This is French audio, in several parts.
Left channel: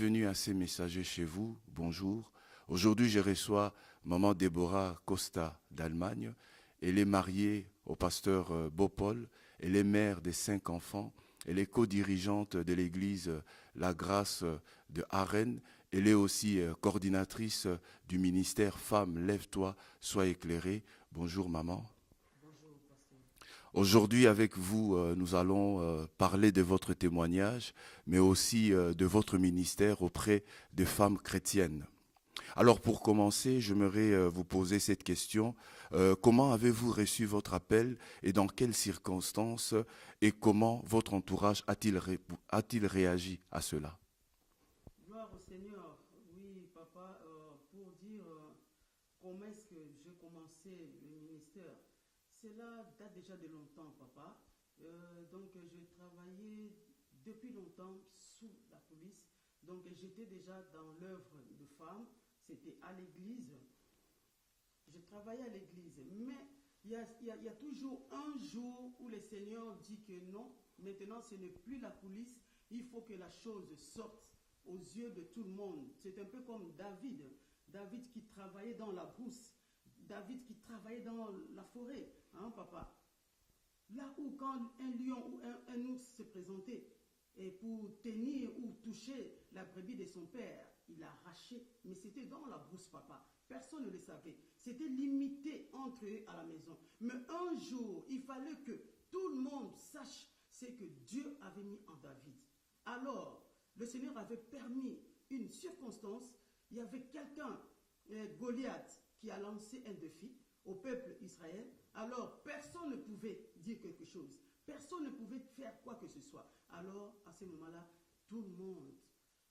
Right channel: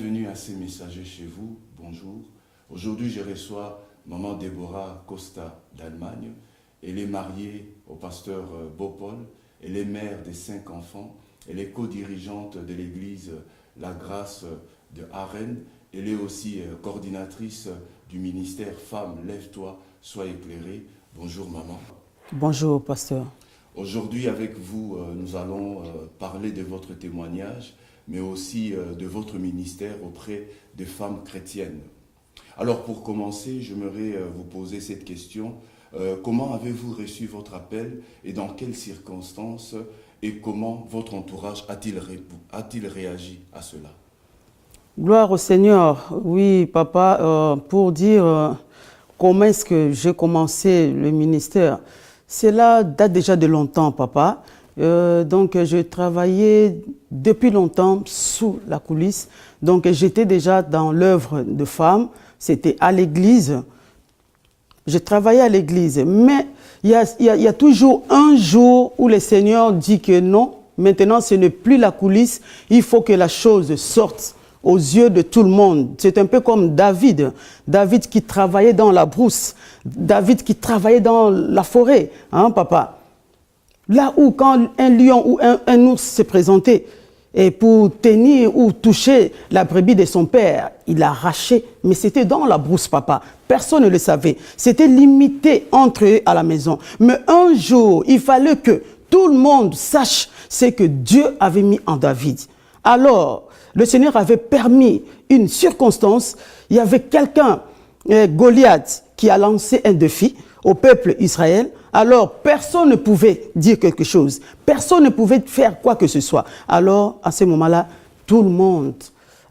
bienvenue à ces messagers chez vous. Bonjour. Aujourd'hui, je reçois Maman Déborah Costa d'Allemagne. Elle est mariée au pasteur Beaupaul. Elle est mère de 5 enfants. Elle est co-dirigeante de l'église La Grâce de Arène. Elle est aussi coordinatrice du ministère Femmes, lève-toi, sois éclairée. Bonjour maman. Bonjour pasteur. Aujourd'hui avec vous, nous allons parler de votre témoignage, mais aussi de votre ministère auprès des femmes chrétiennes. Alors pour commencer, j'aimerais vous poser cette question. Comment avez-vous reçu votre appel et dans quelles circonstances et comment votre entourage a-t-il réagi à cela? Gloire au Seigneur. Oui, papa, pour dire comment est-ce que j'ai commencé le ministère, cela date déjà de longtemps, papa. Donc, je travaillais depuis longtemps sous la coulisse. Donc, j'étais déjà dans l'œuvre de femmes. C'était à l'église. Je travaillais à l'église. Mais il y a toujours un jour où le Seigneur dit que non, maintenant, ce n'est plus la coulisse. Il faut que la chose sorte aux yeux de tout le monde. C'est un peu comme David. David qui travaillait dans la brousse. David qui travaillait dans la forêt. Hein, papa? Là où quand un lion ou un ours se présentait et pour tenir ou toucher la brebis de son père, il arrachait. Mais c'était dans la brousse, papa. Personne ne le savait. C'était limité entre eux à la maison. Mais un jour, il fallait que tout le monde sache ce que Dieu avait mis en David. Alors, le Seigneur avait permis une circonstance. Il y avait quelqu'un, Goliath, qui a lancé un défi au peuple Israël. Alors, personne ne pouvait dire quelque chose. Personne ne pouvait faire quoi que ce soit. Alors, à ce moment-là, tout le monde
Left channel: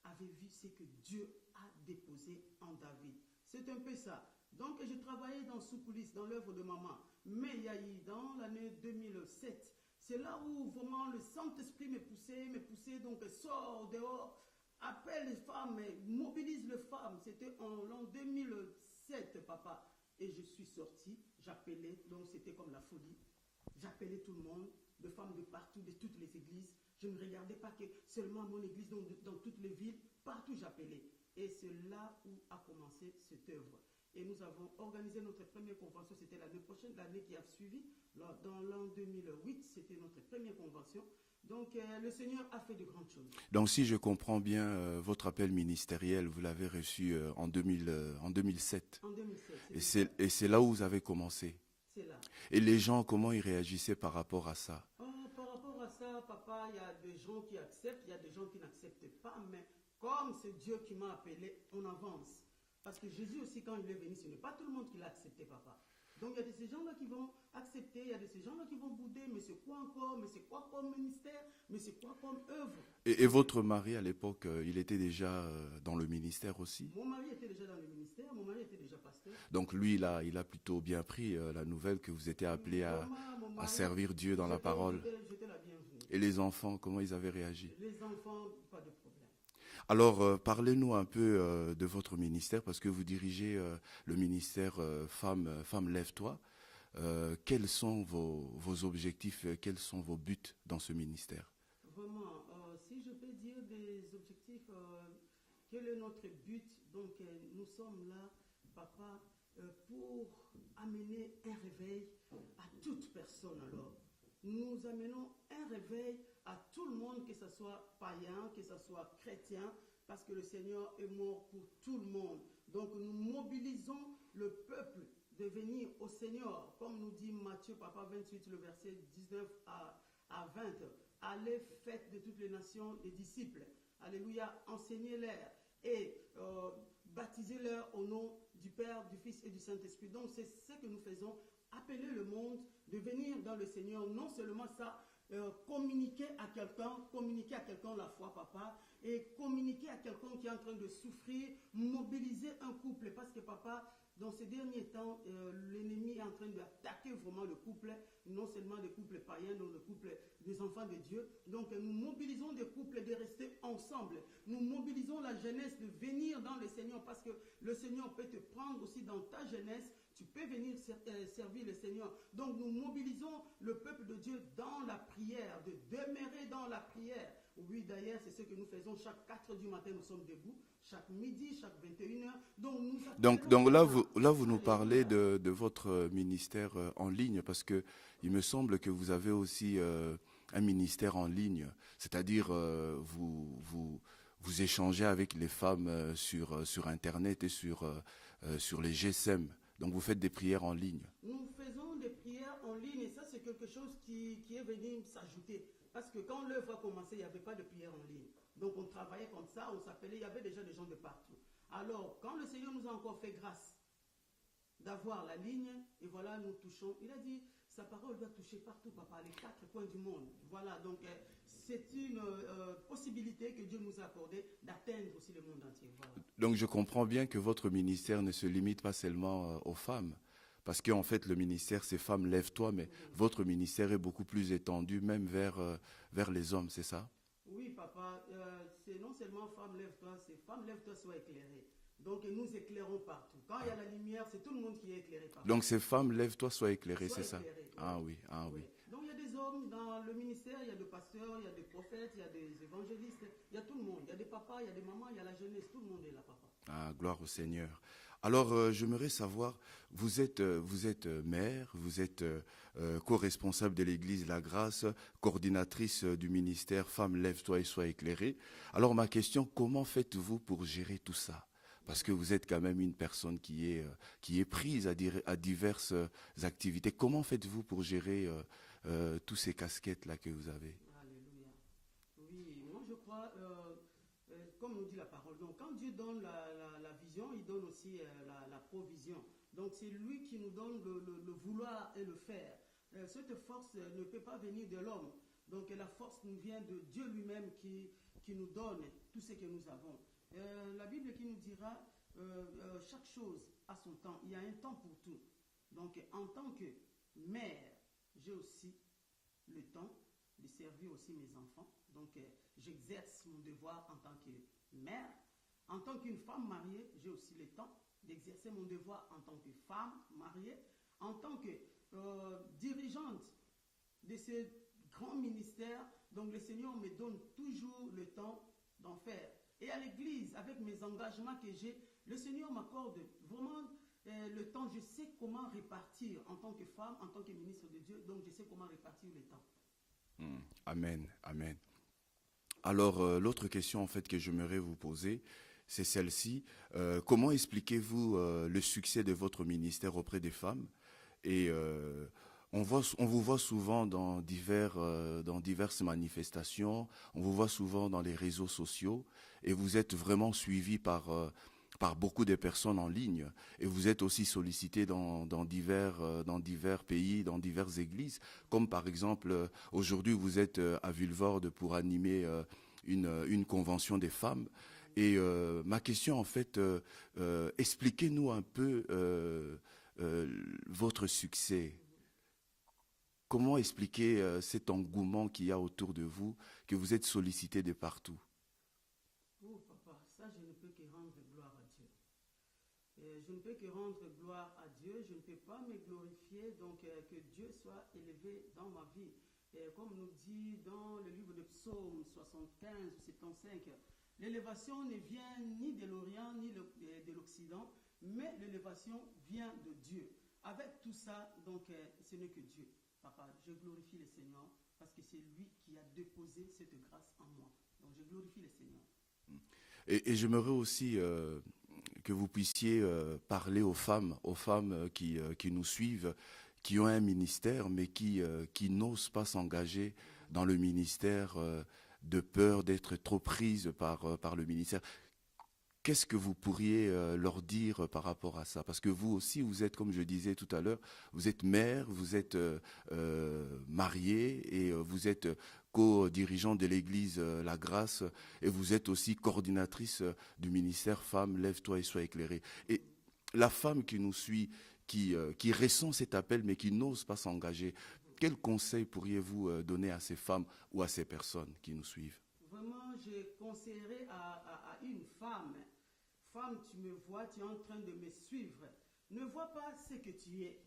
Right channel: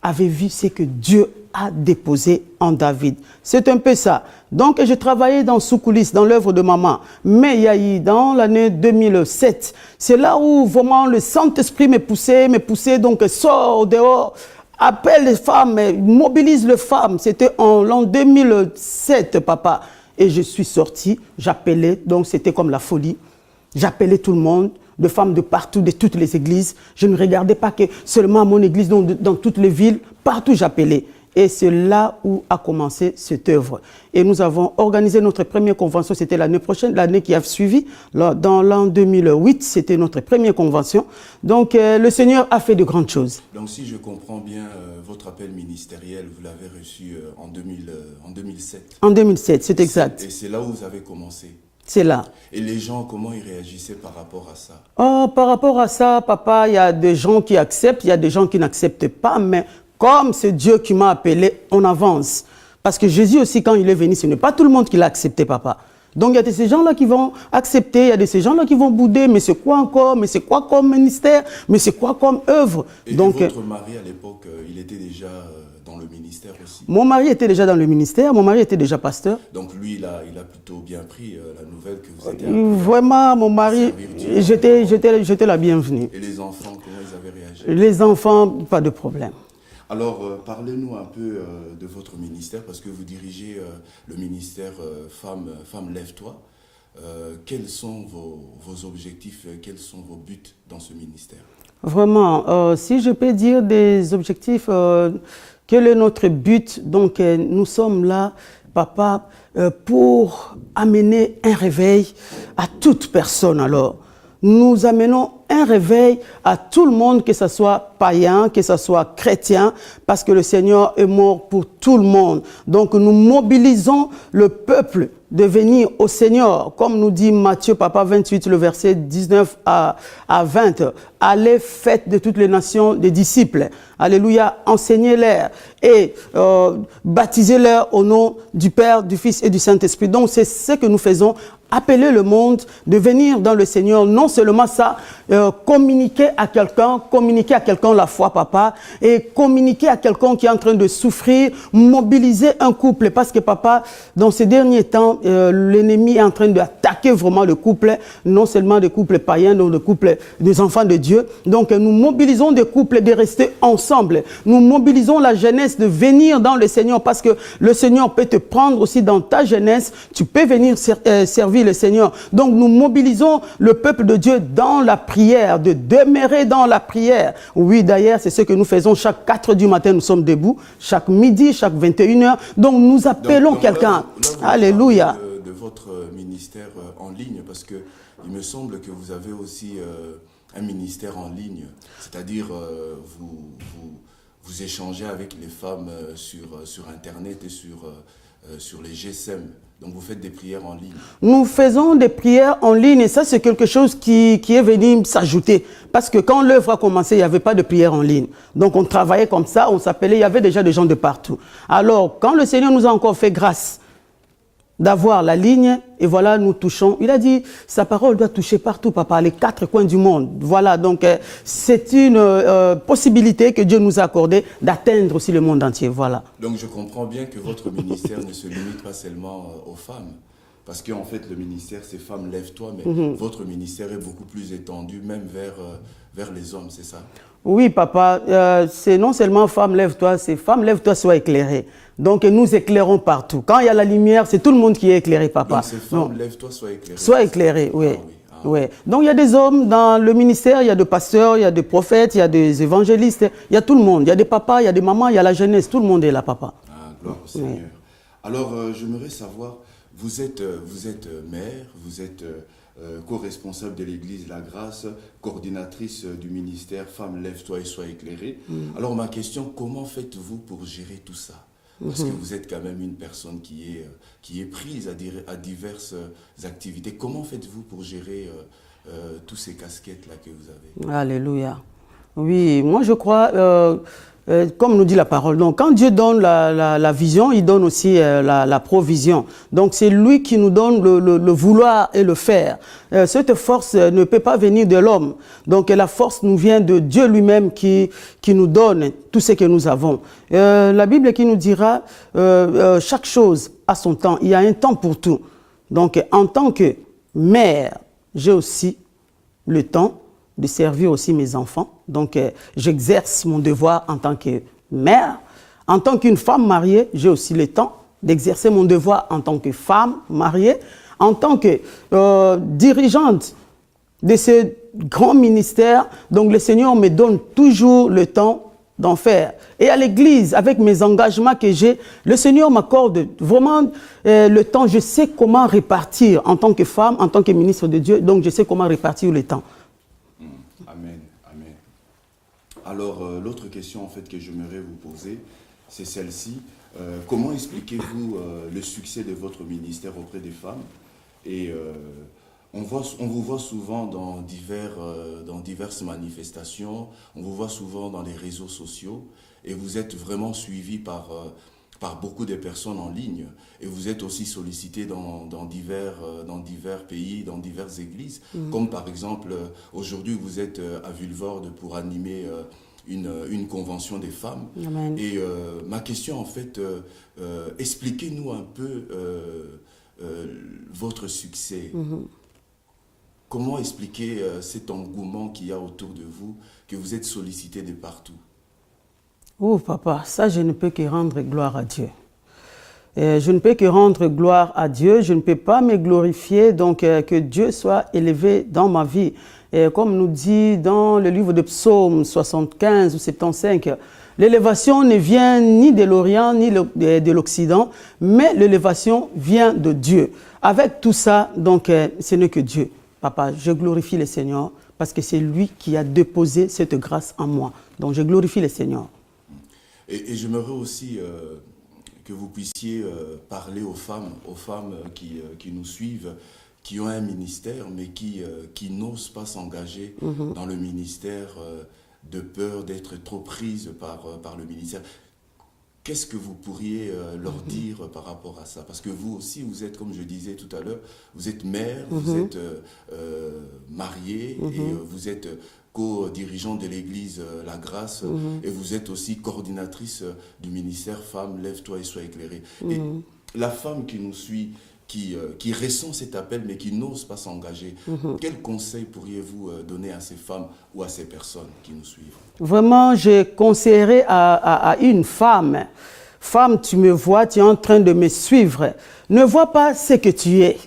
avait vu ce que Dieu a déposé en David. C'est un peu ça. Donc, je travaillais dans sous-coulisses, dans l'œuvre de maman. Mais il y a eu, dans l'année 2007, c'est là où vraiment le Saint-Esprit me poussait, donc sort dehors, appelle les femmes, mobilise les femmes. C'était en l'an 2007, papa. Et je suis sorti, j'appelais, donc c'était comme la folie. J'appelais tout le monde, de femmes de partout, de toutes les églises. Je ne regardais pas que seulement à mon église, dans toutes les villes, partout j'appelais. Et c'est là où a commencé cette œuvre. Et nous avons organisé notre première convention, c'était l'année prochaine, l'année qui a suivi. Dans l'an 2008, c'était notre première convention. Donc le Seigneur a fait de grandes choses. Donc si je comprends bien, votre appel ministériel, vous l'avez reçu en 2007. En 2007, c'est exact. Et c'est là où vous avez commencé. C'est là. Et les gens, comment ils réagissaient par rapport à ça? Oh, par rapport à ça, papa, il y a des gens qui acceptent, il y a des gens qui n'acceptent pas, mais comme c'est Dieu qui m'a appelé, on avance. Parce que Jésus aussi, quand il est venu, ce n'est pas tout le monde qui l'a accepté, papa. Donc il y a de ces gens-là qui vont accepter, il y a de ces gens-là qui vont bouder, mais c'est quoi encore? Mais c'est quoi comme ministère? Mais c'est quoi comme œuvre? Et donc, votre mari, à l'époque, il était déjà dans le ministère aussi? Mon mari était déjà dans le ministère, mon mari était déjà pasteur. Donc lui, il a plutôt bien pris la nouvelle que vous étiez Vraiment, mon mari, j'étais la bienvenue. Et les enfants, comment ils avaient réagi? Les enfants, pas de problème. Alors, parlez-nous un peu de votre ministère, parce que vous dirigez le ministère Femmes, lève-toi. Quels sont vos objectifs, quels sont vos buts dans ce ministère? Vraiment, si je peux dire des objectifs, quel est notre but? Donc, nous sommes là, papa, pour amener un réveil à toute personne alors. Nous amenons un réveil à tout le monde, que ce soit païen, que ce soit chrétien, parce que le Seigneur est mort pour tout le monde. Donc nous mobilisons le peuple de venir au Seigneur, comme nous dit Matthieu, papa 28, le verset 19 à 20. Allez, faites de toutes les nations des disciples. Alléluia, enseignez-les et baptisez-les au nom du Père, du Fils et du Saint-Esprit. Donc c'est ce que nous faisons. Appeler le monde de venir dans le Seigneur, non seulement ça, communiquer à quelqu'un la foi, papa, et communiquer à quelqu'un qui est en train de souffrir, mobiliser un couple, parce que papa, dans ces derniers temps, l'ennemi est en train d'attaquer vraiment le couple, non seulement des couples païens, mais des couples des enfants de Dieu. Donc nous mobilisons des couples de rester ensemble, nous mobilisons la jeunesse de venir dans le Seigneur, parce que le Seigneur peut te prendre aussi dans ta jeunesse, tu peux venir servir servir le Seigneur. Donc nous mobilisons le peuple de Dieu dans la prière, de demeurer dans la prière. Oui, d'ailleurs, c'est ce que nous faisons chaque 4 du matin, nous sommes debout, chaque midi, chaque 21h. Donc nous appelons quelqu'un. Alléluia. De votre ministère en ligne, parce que il me semble que vous avez aussi un ministère en ligne, c'est-à-dire vous échangez avec les femmes sur Internet et sur les GSM. Donc vous faites des prières en ligne. Nous faisons des prières en ligne et ça c'est quelque chose qui est venu s'ajouter. Parce que quand l'œuvre a commencé, il n'y avait pas de prière en ligne. Donc on travaillait comme ça, on s'appelait, il y avait déjà des gens de partout. Alors quand le Seigneur nous a encore fait grâce d'avoir la ligne, et voilà, nous touchons. Il a dit, sa parole doit toucher partout, papa, les 4 coins du monde. Voilà, donc c'est une possibilité que Dieu nous a accordée d'atteindre aussi le monde entier, voilà. Donc je comprends bien que votre ministère ne se limite pas seulement aux femmes, parce qu'en fait le ministère c'est Femmes Lève-toi, mais votre ministère est beaucoup plus étendu, même vers les hommes, c'est ça? Oui, papa, c'est non seulement Femme Lève-toi, c'est Femme Lève-toi, sois éclairée. Donc nous éclairons partout. Quand il y a la lumière, c'est tout le monde qui est éclairé, papa. Donc c'est Femme Lève-toi, sois éclairée. Sois éclairé, oui. Ah, oui. Ah. Oui. Donc il y a des hommes dans le ministère, il y a des pasteurs, il y a des prophètes, il y a des évangélistes, il y a tout le monde. Il y a des papas, il y a des mamans, il y a la jeunesse, tout le monde est là, papa. Ah, gloire au Seigneur. Oui. Alors j'aimerais savoir, vous êtes mère, vous êtes co-responsable de l'église La Grâce, coordinatrice du ministère Femmes Lève-toi et sois éclairée. Alors ma question, comment faites-vous pour gérer tout ça? Parce que vous êtes quand même une personne qui est prise à diverses activités. Comment faites-vous pour gérer tous ces casquettes-là que vous avez? Alléluia. Oui, moi je crois, comme nous dit la parole, donc quand Dieu donne la vision, il donne aussi la provision. Donc c'est lui qui nous donne le vouloir et le faire. Cette force ne peut pas venir de l'homme. Donc la force nous vient de Dieu lui-même qui nous donne tout ce que nous avons. La Bible qui nous dira chaque chose a son temps. Il y a un temps pour tout. Donc en tant que mère, j'ai aussi le temps de servir aussi mes enfants. Donc j'exerce mon devoir en tant que mère. En tant qu'une femme mariée, j'ai aussi le temps d'exercer mon devoir en tant que femme mariée. En tant que dirigeante de ce grand ministère, donc le Seigneur me donne toujours le temps d'en faire. Et à l'église, avec mes engagements que j'ai, le Seigneur m'accorde vraiment le temps. Je sais comment répartir en tant que femme, en tant que ministre de Dieu. Donc je sais comment répartir le temps. Amen, amen. Alors l'autre question en fait que j'aimerais vous poser, c'est celle-ci. Comment expliquez-vous le succès de votre ministère auprès des femmes? Et on vous voit souvent dans diverses manifestations, on vous voit souvent dans les réseaux sociaux et vous êtes vraiment suivi par beaucoup de personnes en ligne et vous êtes aussi sollicité dans divers pays, dans diverses églises, comme par exemple aujourd'hui vous êtes à Vulvoorde pour animer une convention des femmes. Amen. Et ma question en fait, expliquez-nous un peu votre succès. Comment expliquer cet engouement qu'il y a autour de vous, que vous êtes sollicité de partout? Oh papa, ça je ne peux que rendre gloire à Dieu. Je ne peux que rendre gloire à Dieu, je ne peux pas me glorifier, donc que Dieu soit élevé dans ma vie. Et comme nous dit dans le livre de Psaume 75 ou 75, l'élévation ne vient ni de l'Orient ni de l'Occident, mais l'élévation vient de Dieu. Avec tout ça, donc ce n'est que Dieu. Papa, je glorifie le Seigneur parce que c'est lui qui a déposé cette grâce en moi. Donc je glorifie le Seigneur. Et j'aimerais aussi que vous puissiez parler aux femmes qui nous suivent, qui ont un ministère, mais qui n'osent pas s'engager dans le ministère de peur d'être trop prises par le ministère. Qu'est-ce que vous pourriez leur dire par rapport à ça? Parce que vous aussi, vous êtes, comme je disais tout à l'heure, vous êtes mère, vous êtes mariée et vous êtes co-dirigeante de l'église La Grâce et vous êtes aussi coordinatrice du ministère Femmes Lève-toi et sois éclairée. Et la femme qui nous suit, qui ressent cet appel mais qui n'ose pas s'engager, quel conseil pourriez-vous donner à ces femmes ou à ces personnes qui nous suivent? Vraiment, je conseillerais à une femme, femme, tu me vois, tu es en train de me suivre. Ne vois pas ce que tu es.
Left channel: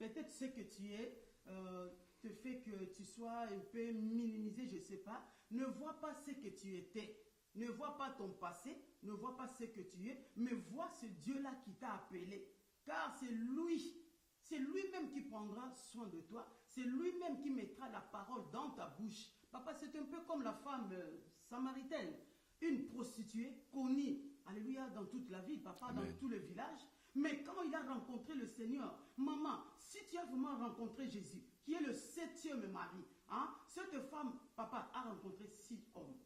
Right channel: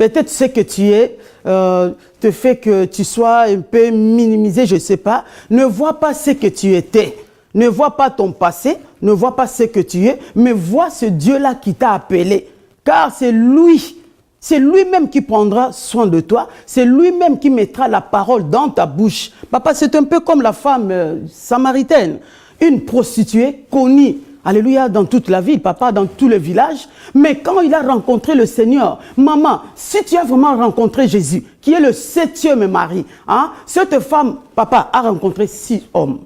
peut-être ce que tu es te fait que tu sois un peu minimisé, je ne sais pas. Ne vois pas ce que tu étais. Ne vois pas ton passé, ne vois pas ce que tu es, mais vois ce Dieu-là qui t'a appelé. Car c'est lui-même qui prendra soin de toi, c'est lui-même qui mettra la parole dans ta bouche. Papa, c'est un peu comme la femme samaritaine, une prostituée connue. Alléluia, dans toute la ville, papa, dans tout le village. Mais quand il a rencontré le Seigneur, maman, si tu as vraiment rencontré Jésus, qui est le 7e mari, hein, cette femme, papa, a rencontré 6 hommes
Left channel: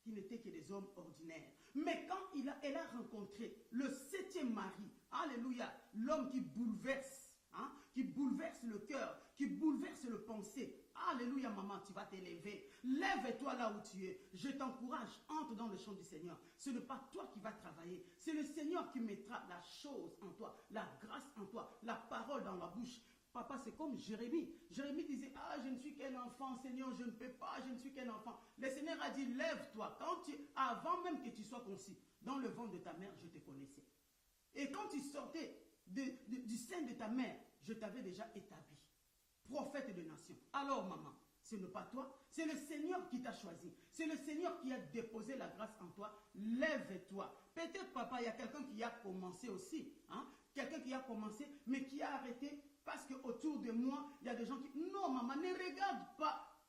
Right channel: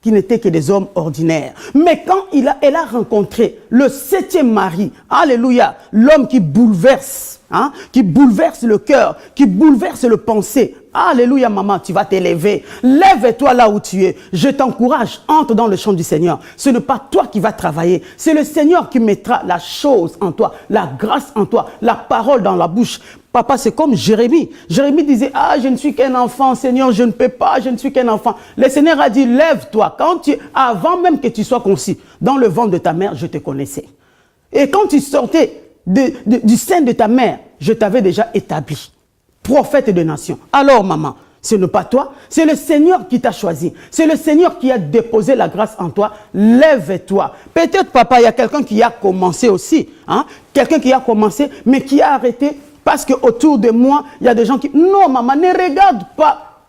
qui n'étaient que des hommes ordinaires. Mais quand elle a rencontré le 7e mari, alléluia, l'homme qui bouleverse le cœur, qui bouleverse le pensée. Alléluia, maman, tu vas t'élever. Lève-toi là où tu es. Je t'encourage, entre dans le champ du Seigneur. Ce n'est pas toi qui vas travailler. C'est le Seigneur qui mettra la chose en toi, la grâce en toi, la parole dans la bouche. Papa, c'est comme Jérémie. Jérémie disait, ah, je ne suis qu'un enfant, Seigneur, je ne peux pas, je ne suis qu'un enfant. Le Seigneur a dit, lève-toi. Avant même que tu sois conçu, dans le ventre de ta mère, je te connaissais. Et quand tu sortais du sein de ta mère, je t'avais déjà établi prophète de nation. Alors, maman, ce n'est pas toi, c'est le Seigneur qui t'a choisi. C'est le Seigneur qui a déposé la grâce en toi. Lève-toi. Peut-être, papa, il y a quelqu'un qui a commencé aussi. Hein? Quelqu'un qui a commencé, mais qui a arrêté parce qu'autour de moi, il y a des gens qui... Non, maman, ne regarde pas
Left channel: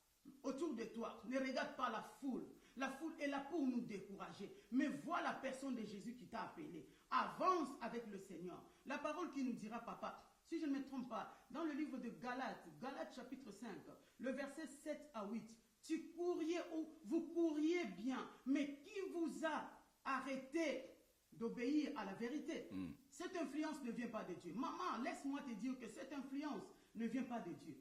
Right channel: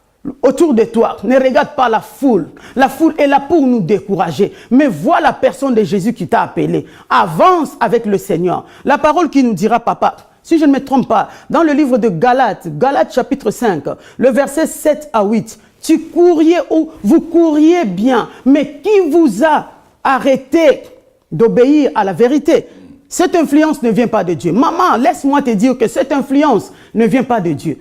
autour de toi. Ne regarde pas la foule. La foule est là pour nous décourager. Mais vois la personne de Jésus qui t'a appelé. Avance avec le Seigneur. La parole qui nous dira, papa, si je ne me trompe pas, dans le livre de Galates, Galates chapitre 5, le verset 7 à 8, vous couriez bien, mais qui vous a arrêté d'obéir à la vérité? Cette influence ne vient pas de Dieu. Maman, laisse-moi te dire que cette influence ne vient pas de Dieu.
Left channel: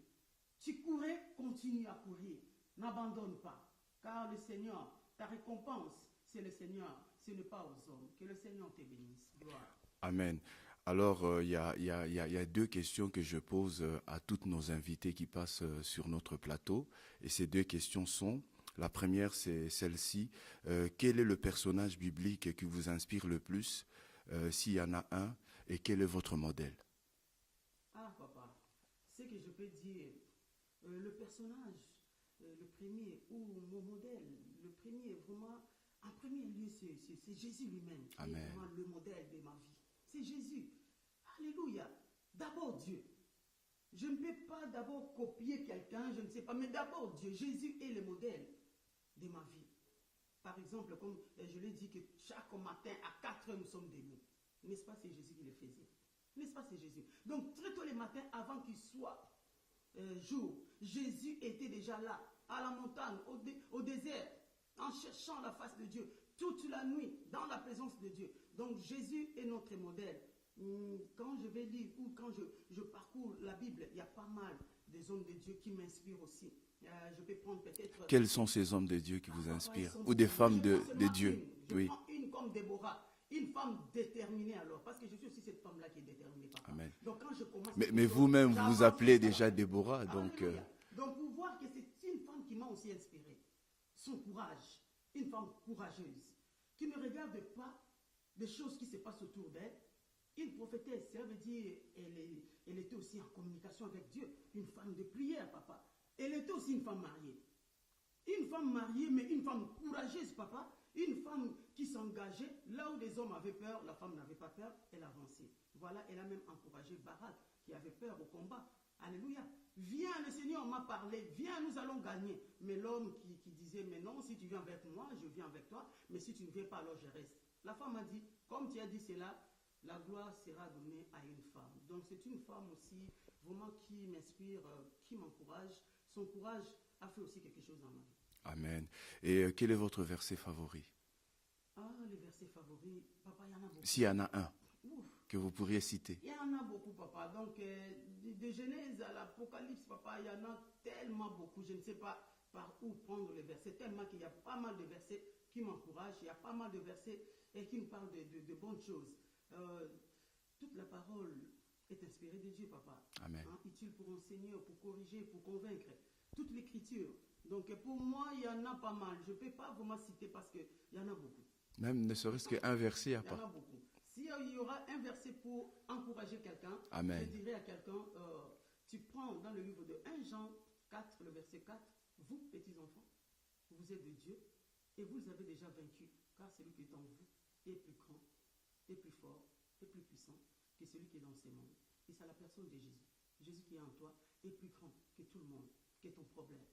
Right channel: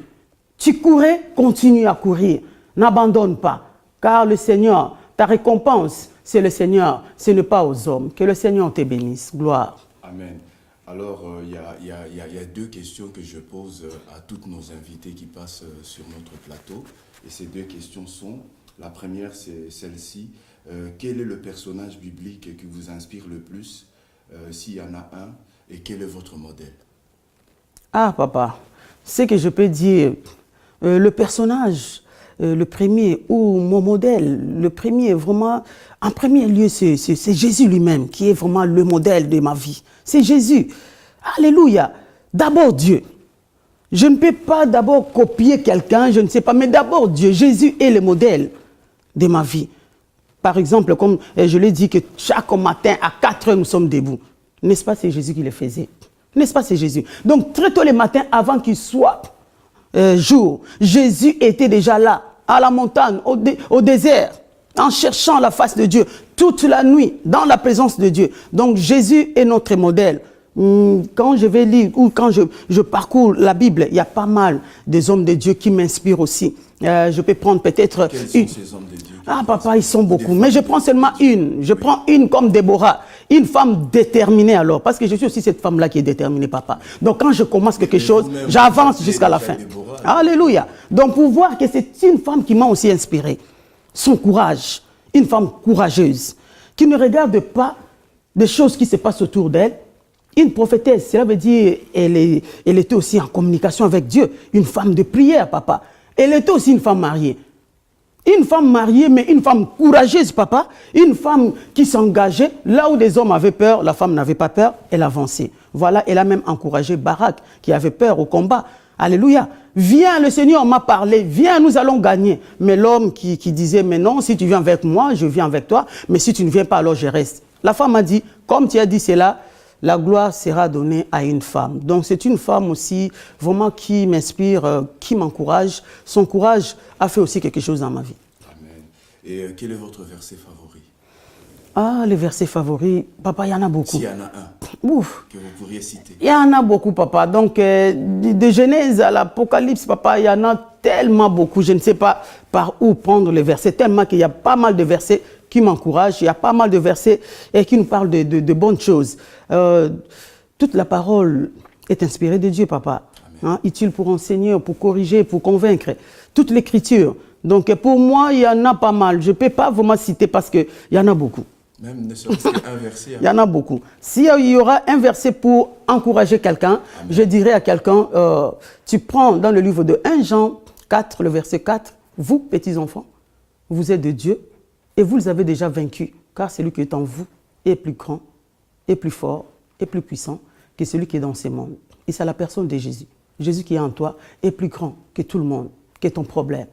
Tu courais, continue à courir. N'abandonne pas, car le Seigneur, ta récompense, c'est le Seigneur, ce n'est pas aux hommes. Que le Seigneur te bénisse. Gloire. Amen. Alors, il y a 2 questions que je pose à toutes nos invités qui passent sur notre plateau. Et ces 2 questions sont, la première c'est celle-ci, quel est le personnage biblique qui vous inspire le plus, s'il y en a un, et quel est votre modèle? Ah, papa, ce que je peux dire, le personnage, le premier, ou mon modèle, le premier, vraiment, en premier lieu, c'est Jésus lui-même qui est vraiment le modèle de ma vie. C'est Jésus. Alléluia. D'abord Dieu. Je ne peux pas d'abord copier quelqu'un, je ne sais pas, mais d'abord Dieu. Jésus est le modèle de ma vie. Par exemple, comme je l'ai dit, que chaque matin, à 4 heures, nous sommes debout. N'est-ce pas, c'est Jésus qui le faisait? N'est-ce pas, c'est Jésus? Donc, très tôt le matin, avant qu'il soit jour, Jésus était déjà là, à la montagne, au désert, en cherchant la face de Dieu, toute la nuit, dans la présence de Dieu. Donc, Jésus est notre modèle. Quand je vais lire ou quand je parcours la Bible, il y a pas mal des hommes de Dieu qui m'inspirent aussi. Je peux prendre peut-être... Quels sont ces hommes de Dieu? Ah, papa, ils sont beaucoup. Mais je prends seulement une. Je prends une comme Déborah. Une femme déterminée alors. Parce que je suis aussi cette femme-là qui est déterminée, papa. Donc quand je commence quelque chose, j'avance jusqu'à la fin. Alléluia. Donc pour voir que c'est une femme qui m'a aussi inspiré. Son courage. Une femme courageuse. Qui ne regarde pas des choses qui se passent autour d'elle. Une prophétesse, cela veut dire elle était aussi en communication avec Dieu. Une femme de prière, papa. Elle était aussi une femme mariée. Une femme mariée, mais une femme courageuse, papa. Une femme qui s'engageait. Là où des hommes avaient peur, la femme n'avait pas peur, elle avançait. Voilà, elle a même encouragé Barak, qui avait peur au combat. Alléluia. Viens, le Seigneur m'a parlé. Viens, nous allons gagner. Mais l'homme qui disait, mais non, si tu viens avec moi, je viens avec toi. Mais si tu ne viens pas, alors je reste. La femme a dit, comme tu as dit cela, la gloire sera donnée à une femme. Donc c'est une femme aussi vraiment qui m'inspire, qui m'encourage. Son courage a fait aussi quelque chose dans ma vie. Amen. Et quel est votre verset favori? Ah, les versets favoris, papa, il y en a beaucoup. S'il y en a un Ouf. que vous pourriez citer. Il y en a beaucoup, papa. Donc de Genèse à l'Apocalypse, papa, il y en a tellement beaucoup. Je ne sais pas par où prendre les versets, tellement qu'il y a pas mal de versets qui m'encouragent. Il y a pas mal de versets qui nous parlent de bonnes choses. Toute la parole est inspirée de Dieu, papa. Hein, utile pour enseigner, pour corriger, pour convaincre. Toute l'écriture. Donc pour moi, il y en a pas mal. Je ne peux pas vraiment citer parce qu'il y en a beaucoup. Même ne serait-ce qu'un verset. Il y en a beaucoup. S'il y aura un verset pour encourager quelqu'un, je dirais à quelqu'un, tu prends dans le livre de 1 Jean 4, le verset 4, vous, petits enfants, vous êtes de Dieu et vous les avez déjà vaincus, car celui qui est en vous est plus grand, est plus fort, est plus puissant que celui qui est dans ce monde. Et c'est la personne de Jésus. Jésus qui est en toi est plus grand que tout le monde, que ton problème.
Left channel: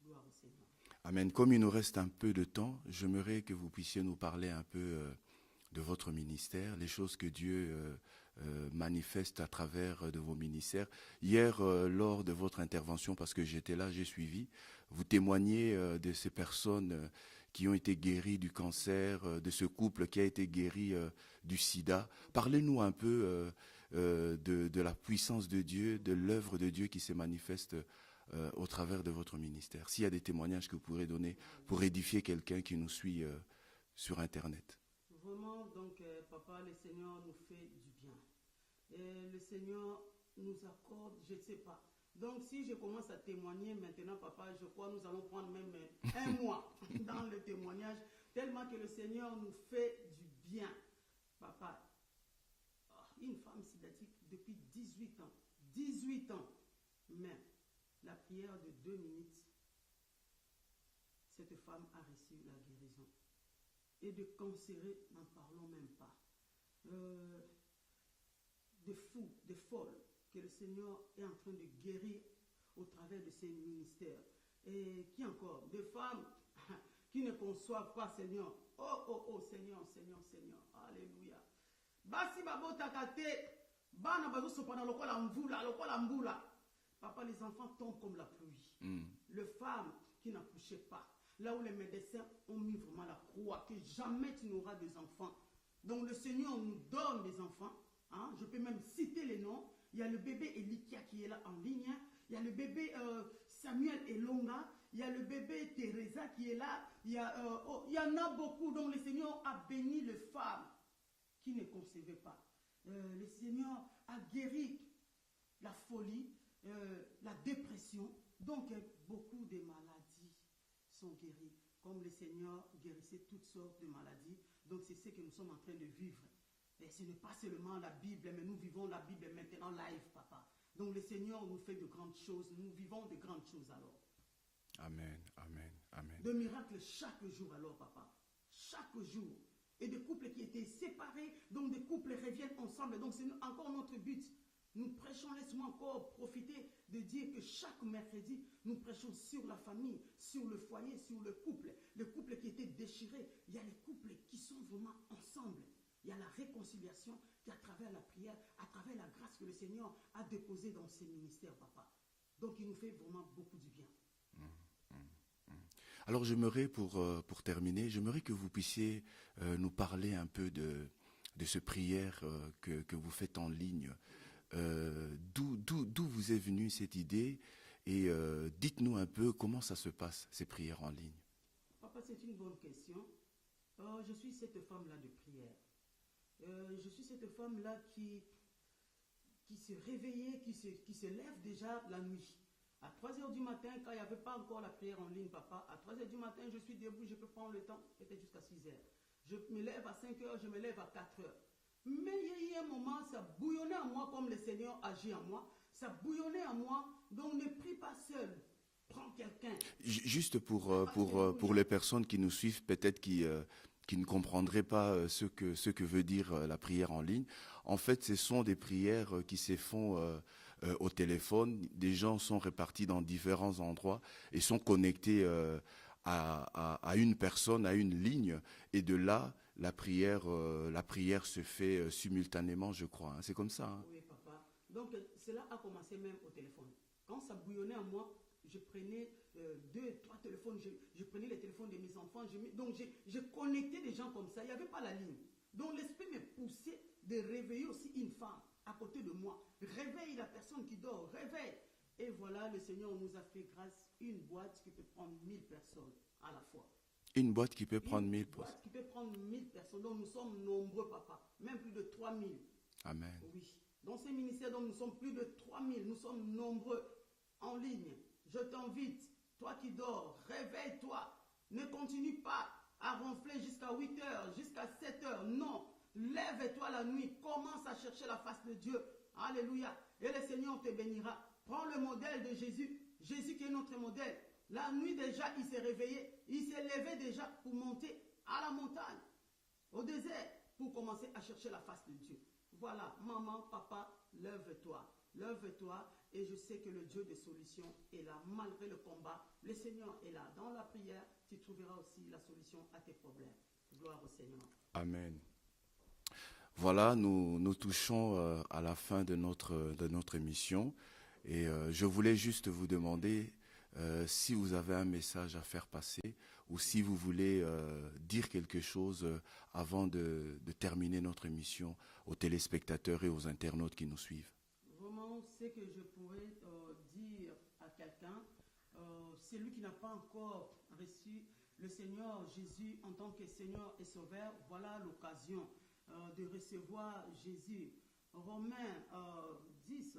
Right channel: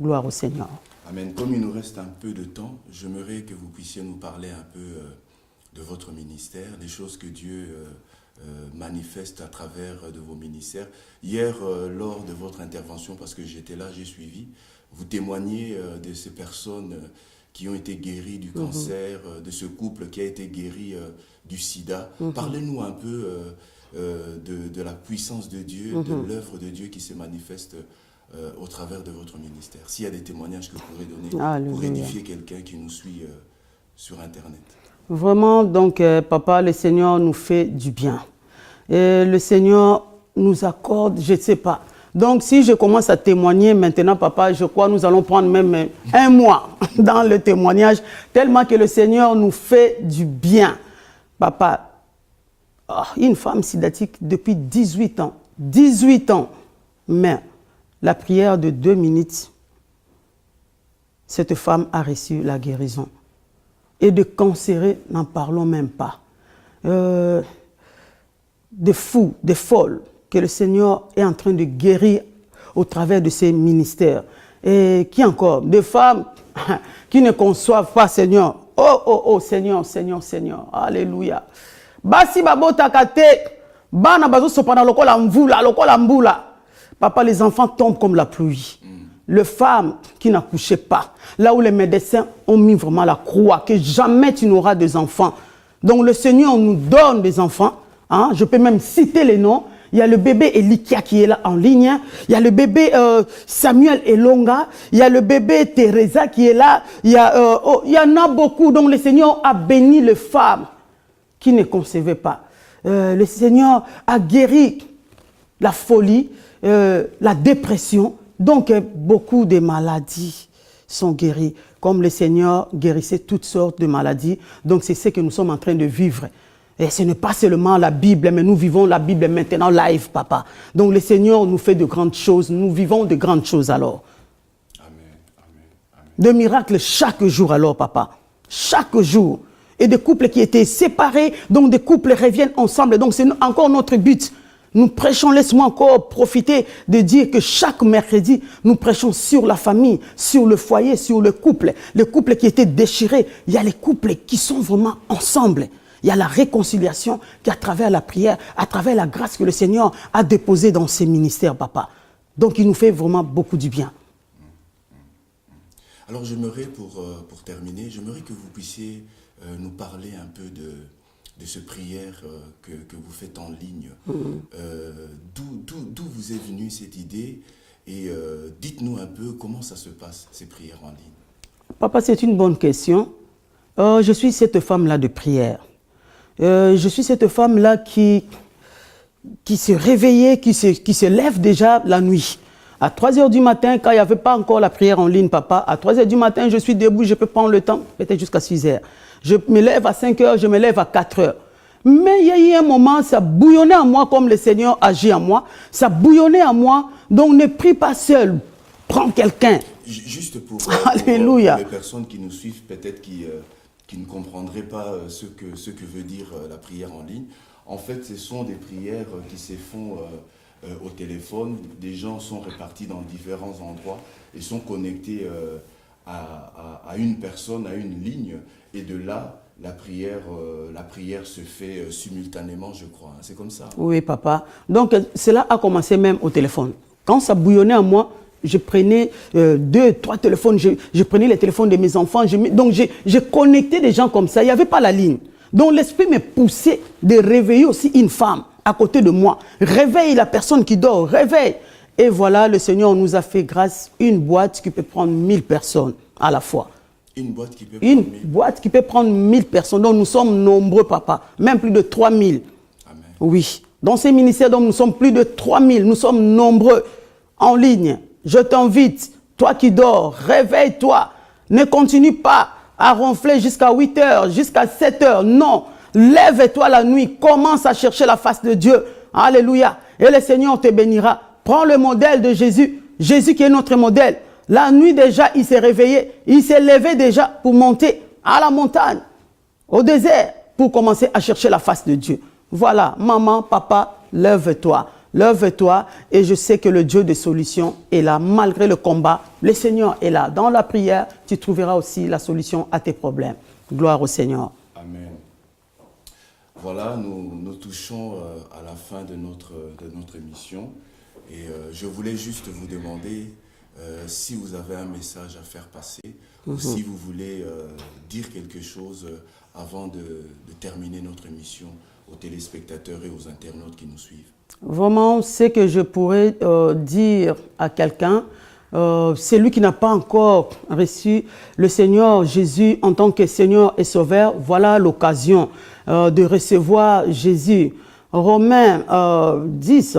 Gloire au Seigneur. Amen. Comme il nous reste un peu de temps, j'aimerais que vous puissiez nous parler un peu de votre ministère, les choses que Dieu manifeste à travers de vos ministères. Hier, lors de votre intervention, parce que j'étais là, j'ai suivi, vous témoignez de ces personnes qui ont été guéries du cancer, de ce couple qui a été guéri du sida. Parlez-nous un peu de la puissance de Dieu, de l'œuvre de Dieu qui se manifeste au travers de votre ministère. S'il y a des témoignages que vous pourrez donner pour édifier quelqu'un qui nous suit sur Internet. Vraiment, donc, papa, le Seigneur nous fait du bien. Et le Seigneur nous accorde, je ne sais pas. Donc, si je commence à témoigner maintenant, papa, je crois que nous allons prendre même 1 mois dans le témoignage, tellement que le Seigneur nous fait du bien. Papa, une femme sidatique depuis 18 ans. 18 ans. Mais la prière de 2 minutes, cette femme a reçu la guérison. Et de cancéreux, n'en parlons même pas. Des fous, des folles, que le Seigneur est en train de guérir au travers de ses ministères. Et qui encore? Des femmes qui ne conçoivent pas, Seigneur. Oh, Seigneur, Seigneur, Seigneur. Alléluia. Basi babota kate, bana bazo sopana lokola mvula, lokola mbula. Papa, les enfants tombent comme la pluie. Les femmes qui n'accouchaient pas, là où les médecins ont mis vraiment la croix, que jamais tu n'auras des enfants. Donc le Seigneur nous donne des enfants. Hein? Je peux même citer les noms. Il y a le bébé Elikia qui est là en ligne. Il y a le bébé Samuel Elonga. Il y a le bébé Teresa qui est là. Il y en a beaucoup. Donc le Seigneur a béni les femmes qui ne concevaient pas. Le Seigneur a guéri la folie, la dépression. Donc, beaucoup de maladies sont guéries, comme le Seigneur guérissait toutes sortes de maladies. Donc, c'est ce que nous sommes en train de vivre. Et ce n'est pas seulement la Bible, mais nous vivons la Bible maintenant live, papa. Donc, le Seigneur nous fait de grandes choses. Nous vivons de grandes choses alors. Amen, amen, amen. De miracles chaque jour alors, papa. Chaque jour. Et des couples qui étaient séparés, donc des couples reviennent ensemble. Donc, c'est encore notre but. Nous prêchons, laisse-moi encore profiter de dire que chaque mercredi, nous prêchons sur la famille, sur le foyer, sur le couple. Les couples qui étaient déchirés, il y a les couples qui sont vraiment ensemble. Il y a la réconciliation qui, à travers la prière, à travers la grâce que le Seigneur a déposée dans ses ministères, papa. Donc, il nous fait vraiment beaucoup du bien. Alors, j'aimerais, pour terminer, j'aimerais que vous puissiez nous parler un peu de ces prières que vous faites en ligne. D'où vous est venue cette idée et dites-nous un peu comment ça se passe, ces prières en ligne. Papa, c'est une bonne question. Je suis cette femme-là de prière. Je suis cette femme-là qui se réveillait, qui se lève déjà la nuit. À 3 h du matin, quand il n'y avait pas encore la prière en ligne, papa, à 3 h du matin, je suis debout, je peux prendre le temps, peut-être jusqu'à 6 h. Je me lève à 5 h, je me lève à 4 h. Mais il y a eu un moment, ça bouillonnait en moi comme le Seigneur agit en moi. Ça bouillonnait en moi, donc ne prie pas seul. Prends quelqu'un. Juste pour Alléluia. les personnes qui nous suivent, peut-être qui ne comprendraient pas ce que veut dire la prière en ligne. En fait, ce sont des prières qui se font au téléphone. Des gens sont répartis dans différents endroits et sont connectés à une personne, à une ligne. Et de là, la prière se fait simultanément, je crois. C'est comme ça. Oui, papa. Donc, cela a commencé même au téléphone. Quand ça bouillonnait en moi, je prenais 2, 3 téléphones. Je prenais les téléphones de mes enfants. Donc, j'ai connecté des gens comme ça. Il n'y avait pas la ligne. Donc, l'esprit me poussait de réveiller aussi une femme à côté de moi. Réveille la personne qui dort. Réveille. Et voilà, le Seigneur nous a fait grâce une boîte qui peut prendre 1000 personnes à la fois. Une boîte qui peut prendre 1000. Boîte qui peut prendre 1000 personnes. Donc nous sommes nombreux, papa. Même plus de 3000. Amen. Oui. Dans ces ministères, donc, nous sommes plus de 3000. Nous sommes nombreux en ligne. Je t'invite, toi qui dors, réveille-toi. Ne continue pas à ronfler jusqu'à 8 heures, jusqu'à 7 heures. Non, lève-toi la nuit, commence à chercher la face de Dieu. Alléluia. Et le Seigneur te bénira. Prends le modèle de Jésus, Jésus qui est notre modèle. La nuit déjà, il s'est réveillé, il s'est levé déjà pour monter à la montagne, au désert, pour commencer à chercher la face de Dieu. Voilà, maman, papa, lève-toi. Lève-toi et je sais que le Dieu des solutions est là. Malgré le combat, le Seigneur est là. Dans la prière, tu trouveras aussi la solution à tes problèmes. Gloire au Seigneur. Amen. Voilà, nous touchons à la fin de notre émission. Et je voulais juste vous demander si vous avez un message à faire passer ou si vous voulez dire quelque chose avant de terminer notre émission aux téléspectateurs et aux internautes qui nous suivent. Vraiment, ce que je pourrais dire à quelqu'un, c'est lui qui n'a pas encore reçu le Seigneur Jésus en tant que Seigneur et Sauveur. Voilà l'occasion de recevoir Jésus. Romains 10,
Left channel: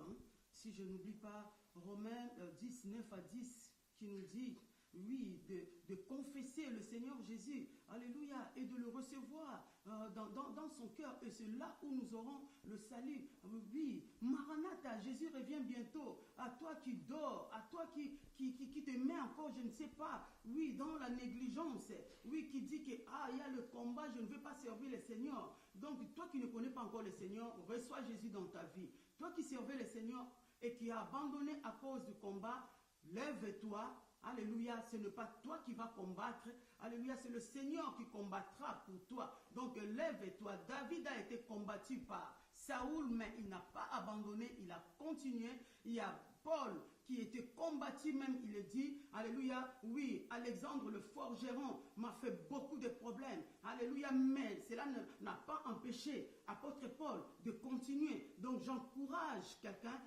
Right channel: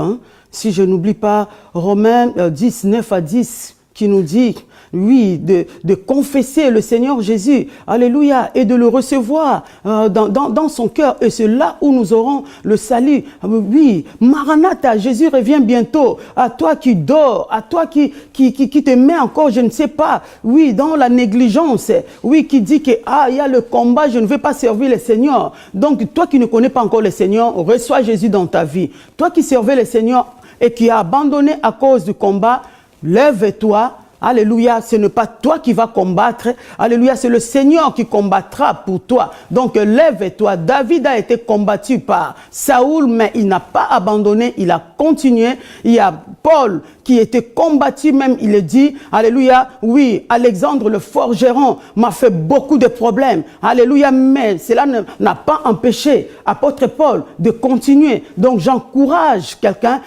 si je n'oublie pas, Romains 10, 9 à 10, qui nous dit, oui, de confesser le Seigneur Jésus, alléluia, et de le recevoir dans son cœur. Et c'est là où nous aurons le salut. Oui, Maranatha, Jésus revient bientôt. À toi qui dors, à toi qui te met encore, je ne sais pas, oui, dans la négligence, oui, qui dit que, il y a le combat, je ne veux pas servir le Seigneur. Donc, toi qui ne connais pas encore le Seigneur, reçois Jésus dans ta vie. Toi qui servais le Seigneur et qui as abandonné à cause du combat, lève-toi. Alléluia, ce n'est pas toi qui vas combattre. Alléluia, c'est le Seigneur qui combattra pour toi. Donc lève-toi. David a été combattu par Saoul, mais il n'a pas abandonné, il a continué. Il y a Paul qui était combattu, même il le dit. Alléluia, oui, Alexandre le forgeron m'a fait beaucoup de problèmes. Alléluia, mais cela n'a pas empêché apôtre Paul de continuer. Donc j'encourage quelqu'un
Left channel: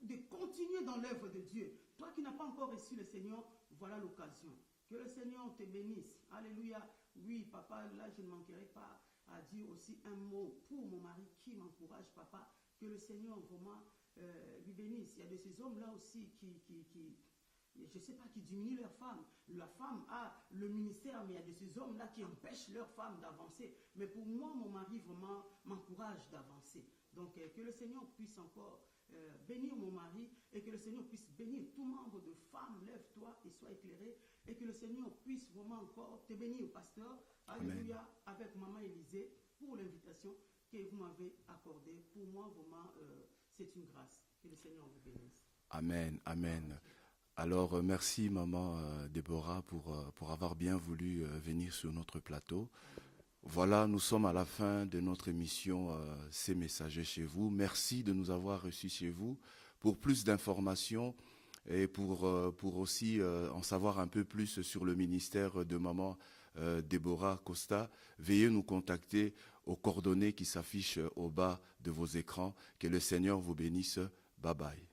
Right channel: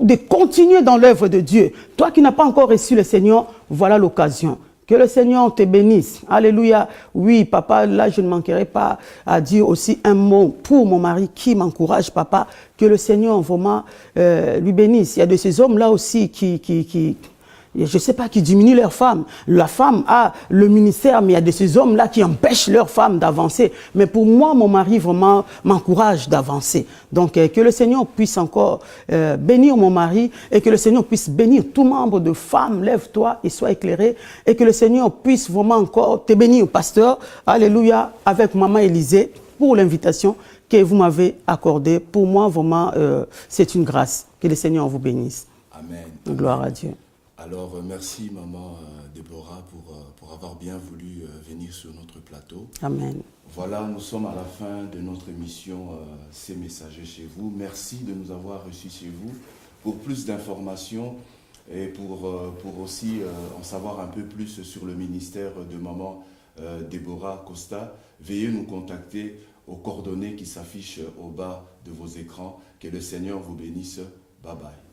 de continuer dans l'œuvre de Dieu. Toi qui n'as pas encore reçu le Seigneur, voilà l'occasion. Que le Seigneur te bénisse. Alléluia. Oui, papa, là, je ne manquerai pas à dire aussi un mot pour mon mari qui m'encourage, papa. Que le Seigneur vraiment lui bénisse. Il y a de ces hommes-là aussi je ne sais pas, qui diminuent leurs femmes. La femme a le ministère, mais il y a de ces hommes-là qui empêchent leurs femmes d'avancer. Mais pour moi, mon mari vraiment m'encourage d'avancer. Donc, que le Seigneur puisse encore bénir mon mari et que le Seigneur puisse bénir tout membre de femmes. Lève-toi et sois éclairé. Et que le Seigneur puisse vraiment encore te bénir, pasteur. Alléluia, avec maman Élisée, pour l'invitation que vous m'avez accordée. Pour moi, vraiment, c'est une grâce. Que le Seigneur vous bénisse. Amen. Gloire à Dieu. Alors, merci, maman Déborah, pour avoir bien voulu venir sur notre plateau. Amen. Voilà, nous sommes à la fin de notre émission Ces messagers chez vous. Merci de nous avoir reçus chez vous. Pour plus d'informations et pour aussi en savoir un peu plus sur le ministère de maman Déborah Costa, veuillez nous contacter aux coordonnées qui s'affichent au bas de vos écrans. Que le Seigneur vous bénisse. Bye bye.